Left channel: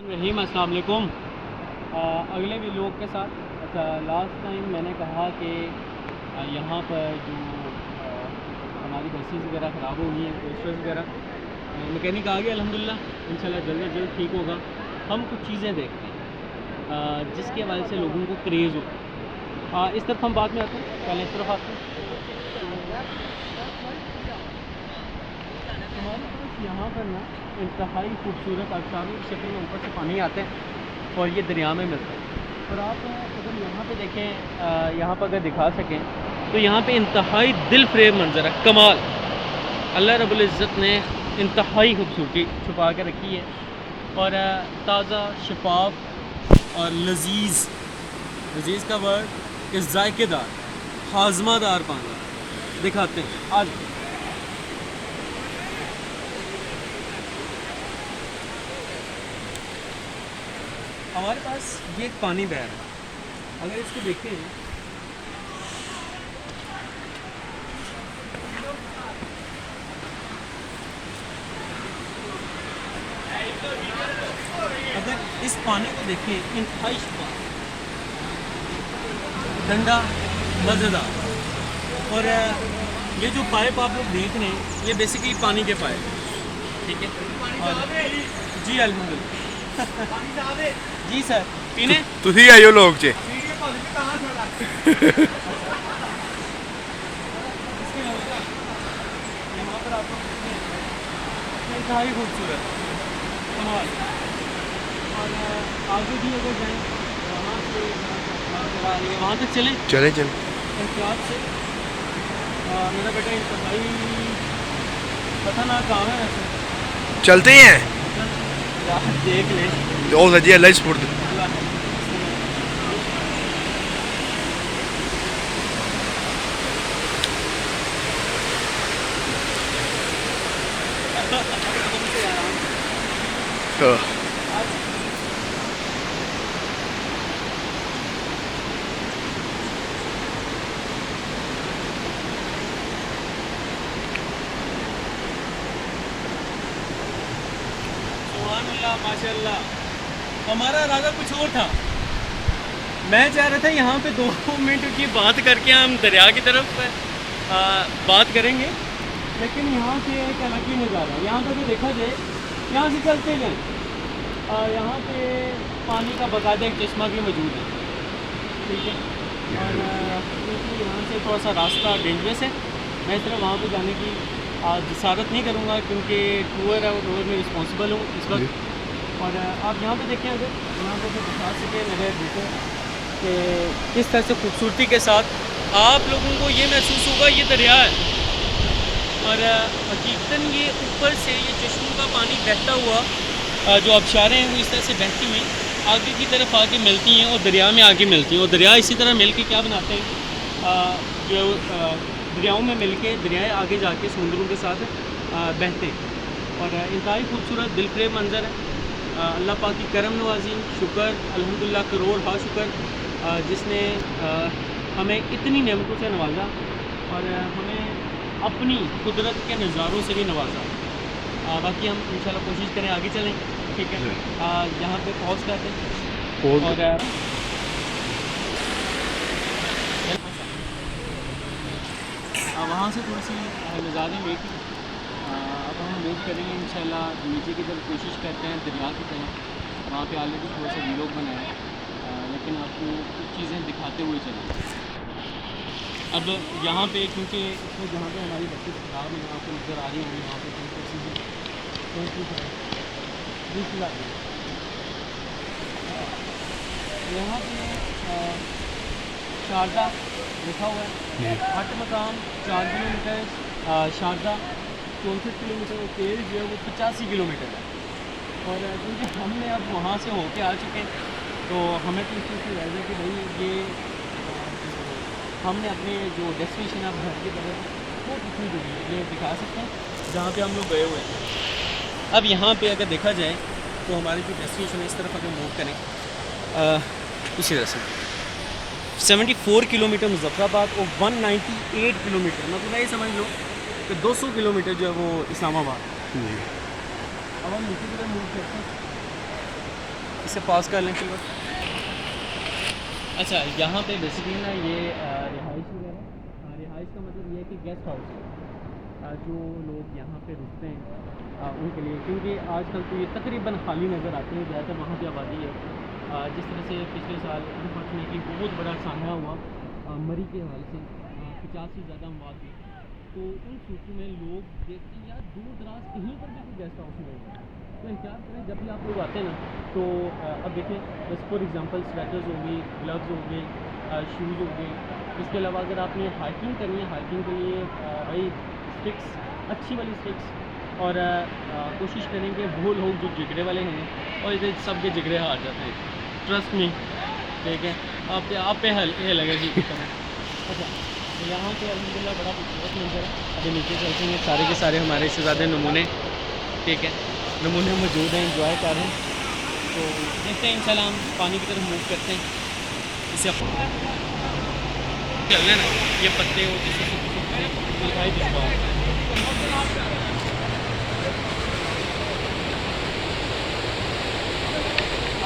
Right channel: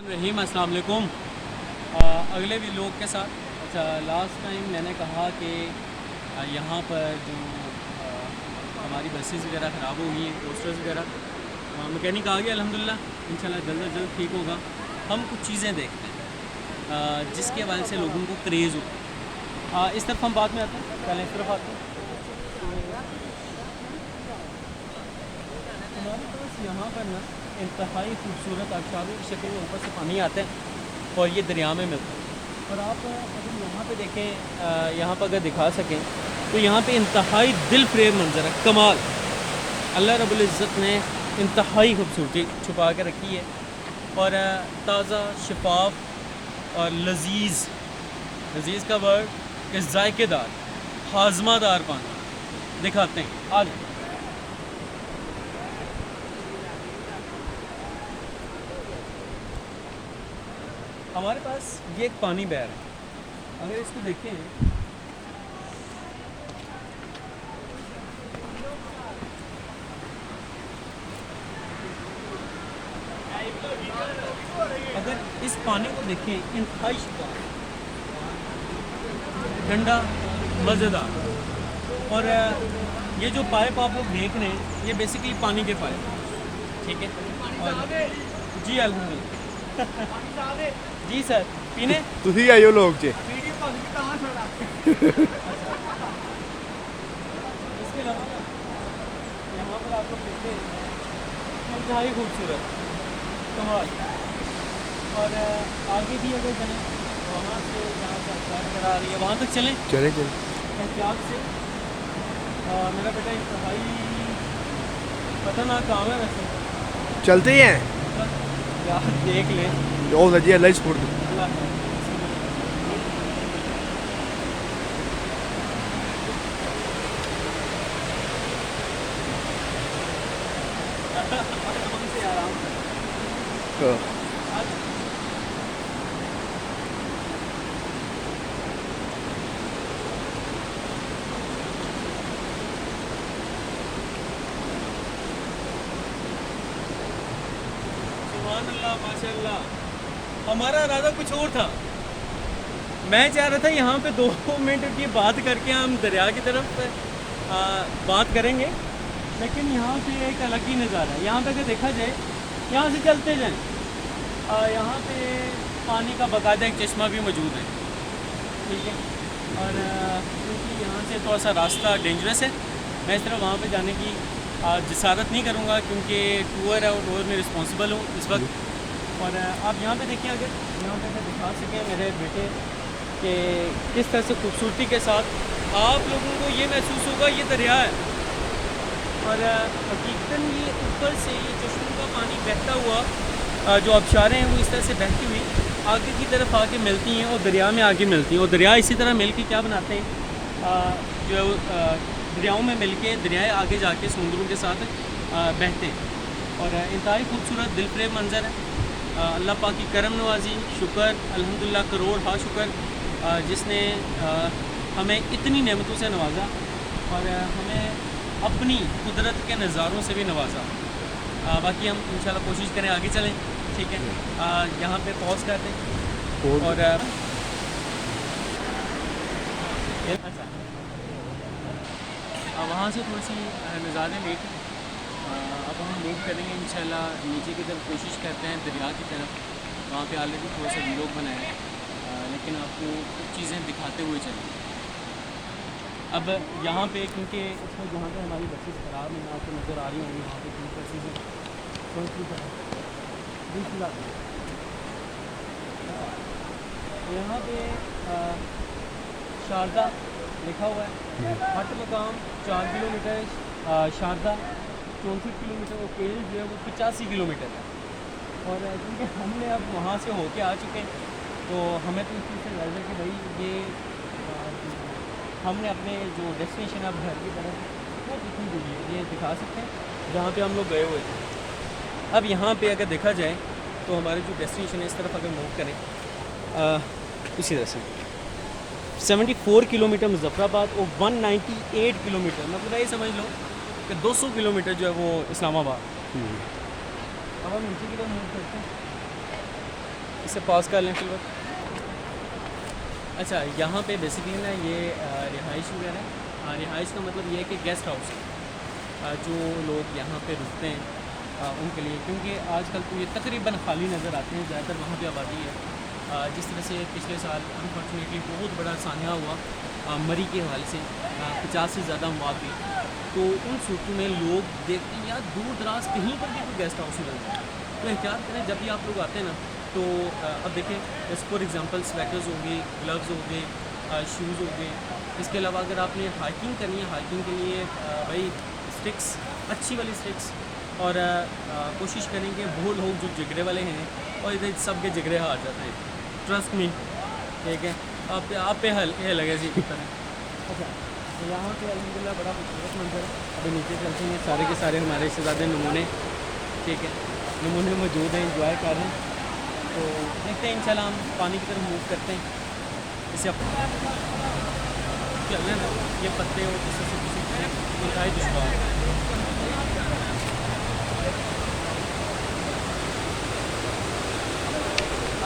रहीम अस्सलाम वालेकुम। अगले भी लोग के साथ अच्छा, लास्ट टाइम मैंने कहा कि यहाँ पर जो हमारी बसेस वगैरह ख़राब हो गई हैं, कोस्टर्स वगैरह, मैकेनिक आ गया अल्हम्दुलिल्लाह, इंशाल्लाह जल्द अज जल्द ठीक होगा। हम कुछ चीज़ें देखते हैं जिसके हवाले से लोगों को क्रेज़ हो। इस तरफ हम बाद में आते हैं, पहले इस तरफ आते हैं। हमारे पास यहाँ पर ना इंतहाई खूबसूरत आबशारों की शक्ल में ऊपर से पानी आते हैं और ये दरिया में मिलता है। और आप अगर यहाँ पे देखें, यहाँ पर अगर दिखा सकें तो यहाँ पे इंतहाई दिल फ्रेब मंजर है, कमाल। अल्लाह रब्बुल इज़्ज़त ने इंतहाई खूबसूरती छुपा के रखी है और ताज़ा शफाफ और लजीज़, लजीज़ का वर्ड कि जायकेदार हाजमादार पानी दिखाते हैं। आज हमारे पास ये एक पानी बह रहा है, अगर इसको देखें अगर इस पानी को देखें, इंतहाई शफाफ, ठंडा, मज़ेदार। और ये जो पाइप आप लोग देख रहे हैं ये बेसिकली पानी के पाइप, ठीक है। और जी अल्हम्दुलिल्लाह जी सर पीने ਤੁਸੀਂ ਆਇਓ ਲੋਕ ਚ इसके अलावा यहाँ पर आप लोग देखते हैं इंतहाई खूबसूरत कमाल। और आगे भी अगर जाएँ वहाँ से जहाँ से अखबार वगैरह आ रही है वहाँ तक चलें चले चले एहतियात से। मेरा बेटा इंतहाई खतरनाक काम है वैसे, चलते हैं यार देख ले ओ सजी अल्लाह स्पुर्द अल्लाह है। हमसे आराम आज सुभानअल्लाह माशाअल्लाह। हमारा इरादा कुछ और था, मैं चाह रहा था यहाँ पे 2 मिनट की बात करके हम दरिया की तरफ बात करेंगे, लेकिन यहाँ से एक अलग ही नज़ारा है। यहाँ पे अगर देखा जाए, यहाँ से चलते जाएँ, यहाँ पे पानी का बाकायदा एक चश्मा भी मौजूद है, ठीक है। और क्योंकि यहाँ से थोड़ा सा रास्ता डेंजरस है, मैं इस तरह वहाँ पे जाने की जसारत नहीं करूँगा क्योंकि टूर है और टूर में रिस्पॉन्सिबल हूँ इस वक्त। और आप यहाँ पे देखें, अगर यहाँ पर मैं दिखा सकें मेरे बेटे कि किस तरह से खूबसूरती के साथ आप लोगों को ये महसूस होगा ये दरिया है। और हकीकतन ये ऊपर से ये चश्मों का पानी बहता हुआ जो आबशारें हैं वो इस तरह से बहती हुई आगे की तरफ आके मिलती हैं और दरिया में आके मिलती हैं। और दरिया इसी तरह मिल के क्या बनाते हैं, जो दरियाओं में मिल के दरियाएँ आगे जाके समुद्रों के साथ बहते हैं। और इंतहाई खूबसूरत दिलफ्रेब मंज़र है। अल्लाह पाक की करम नवाजी, शुक्र अल्हम्दुलिल्लाह, करोड़ हा शुक्र जिसने हमें इतनी नेमतों से नवाजा और हमें अपनी कुदरत के नज़ारों से भी नवाजा। बाकी हम इंशाल्लाह कोशिश करें आगे चलें, ठीक है। यहाँ पे पॉज करते हैं और वहाँ से थोड़ी सी नज़ारे लेके अब हम मूव करेंगे इंशाल्लाह नीचे की तरफ, कोशिश करते हैं दरिया की तरफ। वहाँ पे ऑलरेडी थोड़ा सा वीलॉग बनाया है, लेकिन आपको कुछ चीज़ें दिखाते हुए चलेंगे। अब यहाँ पे क्योंकि इसमें जहाँ पे हमारी बसेस खराब हैं आपको नज़र आ रही होंगी, यहाँ पे यहाँ पे शारदा लिखा हुआ है, हट मकाम 4 किलोमीटर, शारदा 64 किलोमीटर और पेड़ जो है वो 85 किलोमीटर है। और क्योंकि हमने अब वहाँ से होके आ चुके हैं तो हमें तो इस चीज़ से याद है कि भाई ये हमने अपने जो डेस्टिनेशन अब घर की तरफ वो कितनी दूरी है ये दिखा सकते हैं जहाँ पे हम लोग गए हुए हैं। अब यहाँ पे अगर देखा जाए तो हमारी जो डेस्टिनेशन है इस तरफ अगर मूव करें उसी तरह से 74 किलोमीटर मुजफ्फराबाद और 198 किलोमीटर, मतलब ये समझ लो कि 200 किलोमीटर जो है वो इस्लामाबाद। अब हम नीचे की तरफ मूव करते हैं। इसे पॉज कर लें फिर। अच्छा, यहाँ पे बेसिकली ना ये रिहाइश वगैरह, रिहाइश का मतलब ये है कि गेस्ट हाउस जो लोग यहाँ पे रुकते हैं उनके लिए, क्योंकि आजकल तो ये तकरीबन खाली नज़र आते हैं, ज़्यादातर वहाँ पे आबादी है। जिस तरह से पिछले साल अनफॉर्चुनेटली बहुत बड़ा सान्या हुआ मरी के हवाले से, 50 से ज़्यादा मौत हुई, तो उन सूरतों में लोग देखते हैं यार दूर दराज कहीं पर भी कोई गेस्ट हाउस नहीं बनता, तो एहतियात करें जब भी आप लोग आते हैं ना। तो अब देखें, जैसे फॉर एग्जांपल स्वेटर्स हो गए, ग्लव्स हो गए, शूज़ हो गए। इसके अलावा अगर आपने हाइकिंग करनी है, हाइकिंग के लिए भाई स्टिक्स, अच्छी वाली स्टिक्स, और कोशिश करेंगे वो लोग जो जिगरे वाले हैं, और इधर सब के जिगरे हार जाते हैं, ट्रस्ट में, ठीक है। आप पे लगे जी की तरह। अच्छा, तो यहाँ पे अल्हम्दुलिल्लाह बड़ा खूबसूरत मंजर है। अभी नीचे चलते हैं, सारे के सारे हमारे शहज़ादे नमूने, ठीक है, नमूने मौजूद हैं, इंजॉय कर रहे हैं। तो देखते हैं इंशाल्लाह हम पानी की तरफ मूव करते हैं। इसे अब चलना ना, ये पत्ते और जिससे दिखाई दुश्वार।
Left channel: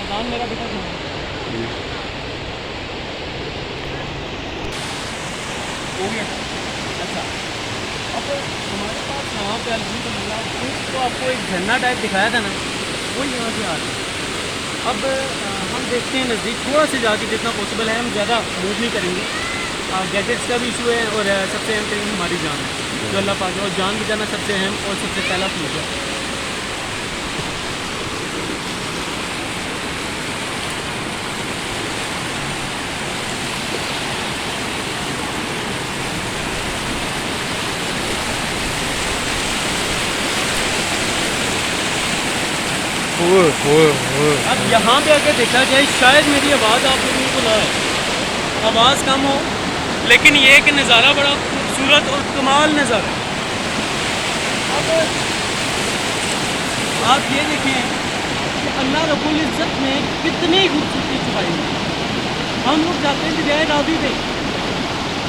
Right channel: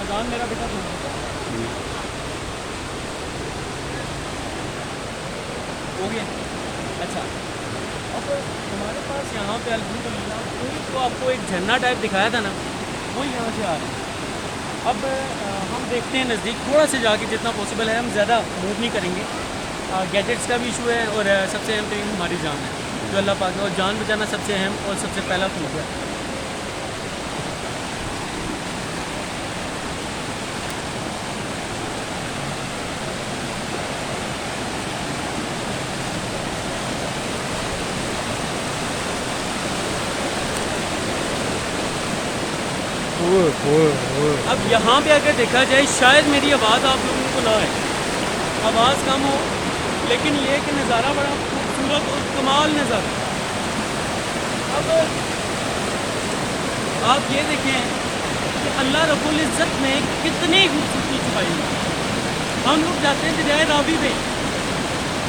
अजान मेरा बेटा ध्यान हो गया। अच्छा, अब हमारे पास यहाँ पे अल्हम्दुलिल्लाह तो आपको एक झरना टाइप दिखाया था ना, वो यहाँ से आ रहा है। अब हम देखते हैं नज़दीक थोड़ा से जाके, जितना पॉसिबल है, हम ज़्यादा मूव नहीं करेंगे। गैजेट्स का भी इशू है, और सबसे अहम तरीन हमारी जान है, जो अल्लाह पाक, और जान बचाना सबसे अहम और सबसे पहला चीज़ है। अब यहाँ पे अगर देखा जाए, शायद मेरी आवाज़ आप लोगों को ना आए, आवाज़ कम हो, लेकिन ये कि नज़ारा बड़ा खूबसूरत और कमाल नज़ारा। अब आप ये देखें कि अल्लाह रब्बुल इज़्ज़त ने कितनी खूबसूरती छुपाई है। हम लोग जाते हैं दरियाए रावी पे,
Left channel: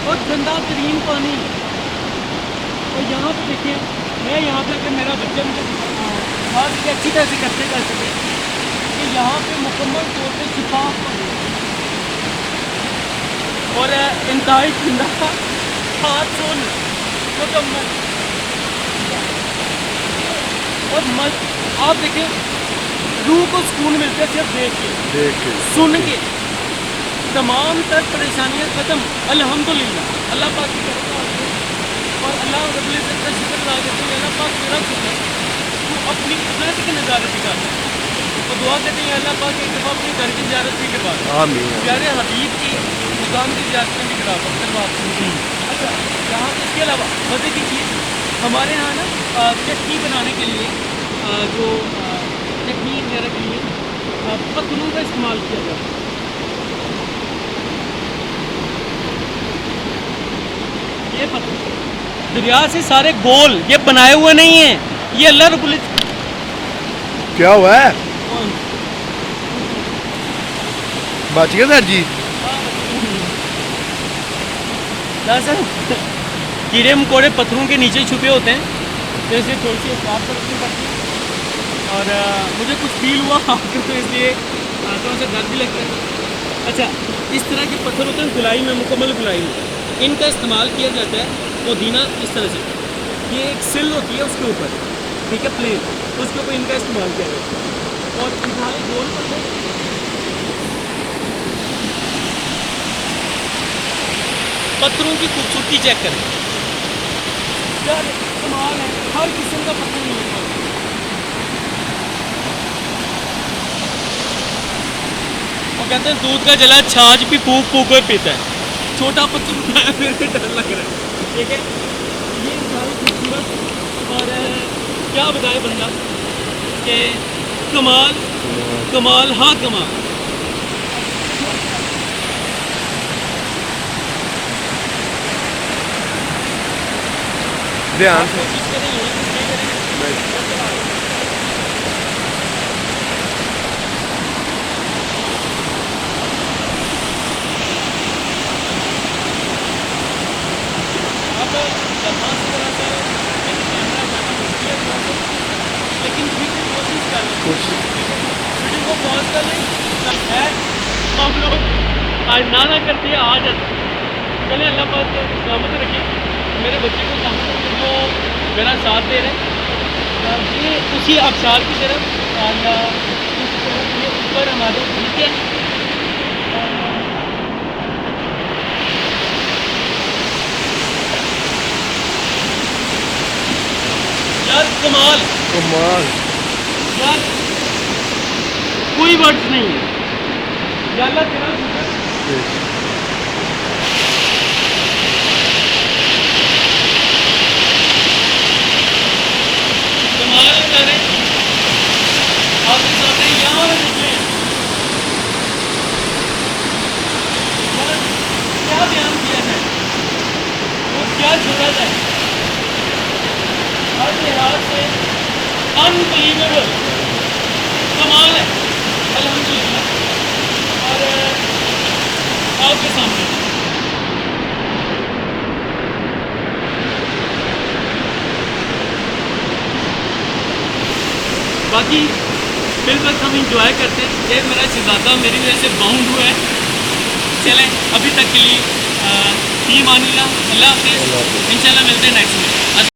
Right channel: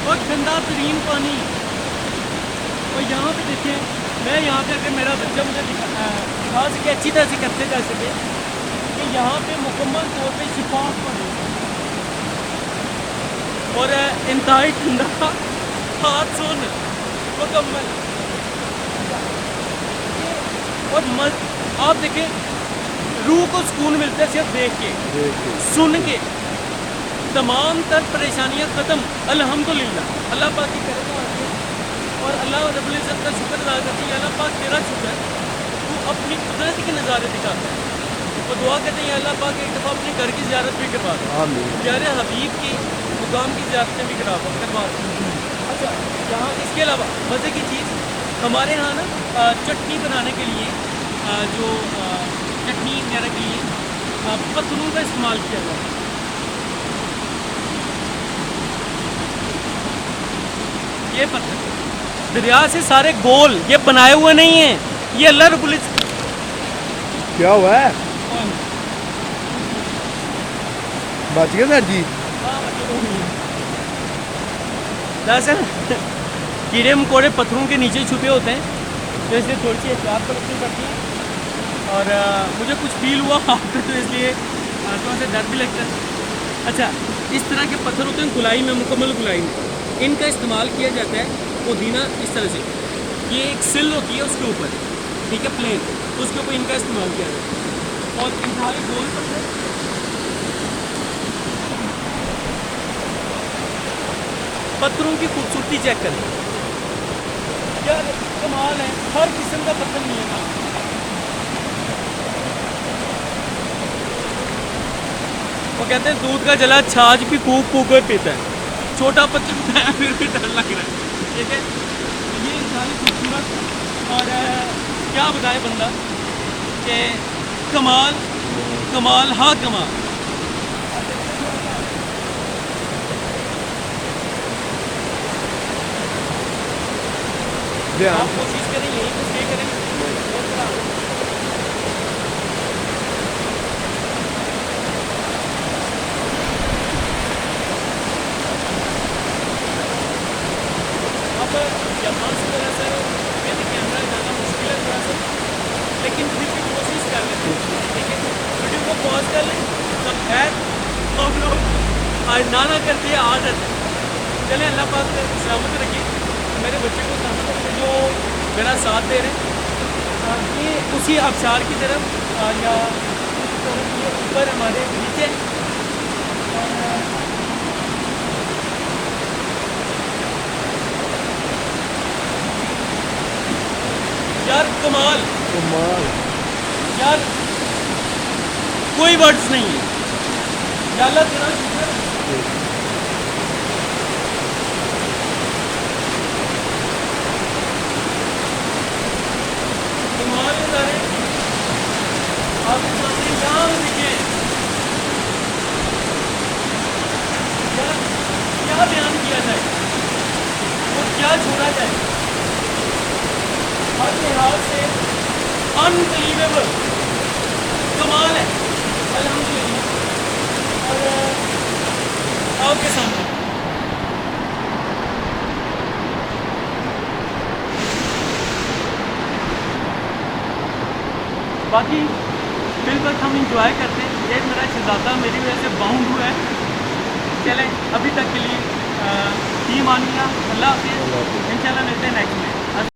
और गंदा तरीन पानी, और यहाँ पे देखें, मैं यहाँ पे अगर मेरा बच्चा मुझे खास के अच्छी तरह से करते कर सके कि यहाँ पे मुकम्मल तौर पे शिफाफ पानी और इंतहाई ठंडा, हाथ सुन मुकम्मल, और आप देखें रूह को सुकून मिलता है सिर्फ देख के सुन के। तमाम तर परेशानियाँ ख़त्म अल्हम्दुलिल्लाह, अल्लाह पाक की करम है, और अल्लाह रब्बुल इज़्ज़त का शुक्र अदा करते हैं, अल्लाह पाक तेरा शुक्र है, तू अपनी कुदरत के नज़ारे दिखाता है। और दुआ करते हैं अल्लाह पाक एक दफ़ा अपनी घर की ज़ियारत भी करवा दे, आमीन, प्यारे हबीब की मुकाम की ज़ियारत भी करवा दे। अच्छा, यहाँ इसके अलावा मज़े की चीज़ हमारे यहाँ ना चटनी बनाने के लिए, जो चटनी वगैरह के लिए पत्थरों का इस्तेमाल किया जाता है। ये पत्थर दरिया से सारे गोल, ये बनाए हुए नहीं हैं, ये अल्लाह रब्बुल इज़्ज़त। क्या हुआ है? बच गया सर जी? दरअसल कीड़े मकोड़े पत्थरों के नीचे छुपे होते हैं, तो इसलिए थोड़ी सी एहतियात बरतनी पड़ती है, और मुझे कुछ फील हुआ तो इसलिए थोड़ा सा डर भी लगता है। अच्छा, इस तरह के पत्थर होते हैं गुलाई में, मुकम्मल गुलाई में इनका इस्तेमाल किया जाता है। पुदीना इस तरह से, ये एक सिल होती है उसके ऊपर, ठीक है, प्लेन, उसके ऊपर इनका इस्तेमाल किया जाता है, और इंतहाई गोल पत्थर। पत्थरों की खूबसूरती चेक करें यार, कमाल है, हर किस्म का पत्थर मिलेगा। वो कहते हैं दूध का जला छाछ भी फूक फूक कर पीता है, छोटा पत्थर फिर भी डर लग रहा है, ठीक है। ये इंतहाई खूबसूरत, और क्या बताए बंदा कि कमाल कमाल, हाँ कमाल। ध्यान से कोशिश करें यही कुछ ये करें। अब यहाँ से दरअसल कैमरा जाना मुश्किल है थोड़ा सा, लेकिन फिर भी कोशिश कर लें, वीडियो को पॉज कर लें। तब खैर हम लोग आज ना करते हैं आ जाते हैं। चलें, अल्लाह पाक के सलामत रखिए, मेरे बच्चे को सलामत रखिए जो मेरा साथ दे रहे हैं। ये उसी आबशार की तरफ या उस तरफ ये ऊपर हमारे नीचे यार कमाल कमाल। यार कोई वर्ड्स नहीं है। या अल्लाह तेरा शुक्र। कमाल नज़ारे आपके सामने यहाँ पे देखिए। यार क्या बयान किया जाए, वो क्या छोड़ा जाए, हर लिहाज से अनबिलीवेबल कमाल है अल्हम्दुलिल्लाह। और आपके सामने बाकी फिल वक्त हम इंजॉय करते हैं। ये मेरा शहजादा मेरी वजह से बाउंड हुआ है। चलें अभी तक के लिए टीम आनी अल्लाह हाफिज़, इंशाल्लाह मिलते हैं नेक्स्ट में।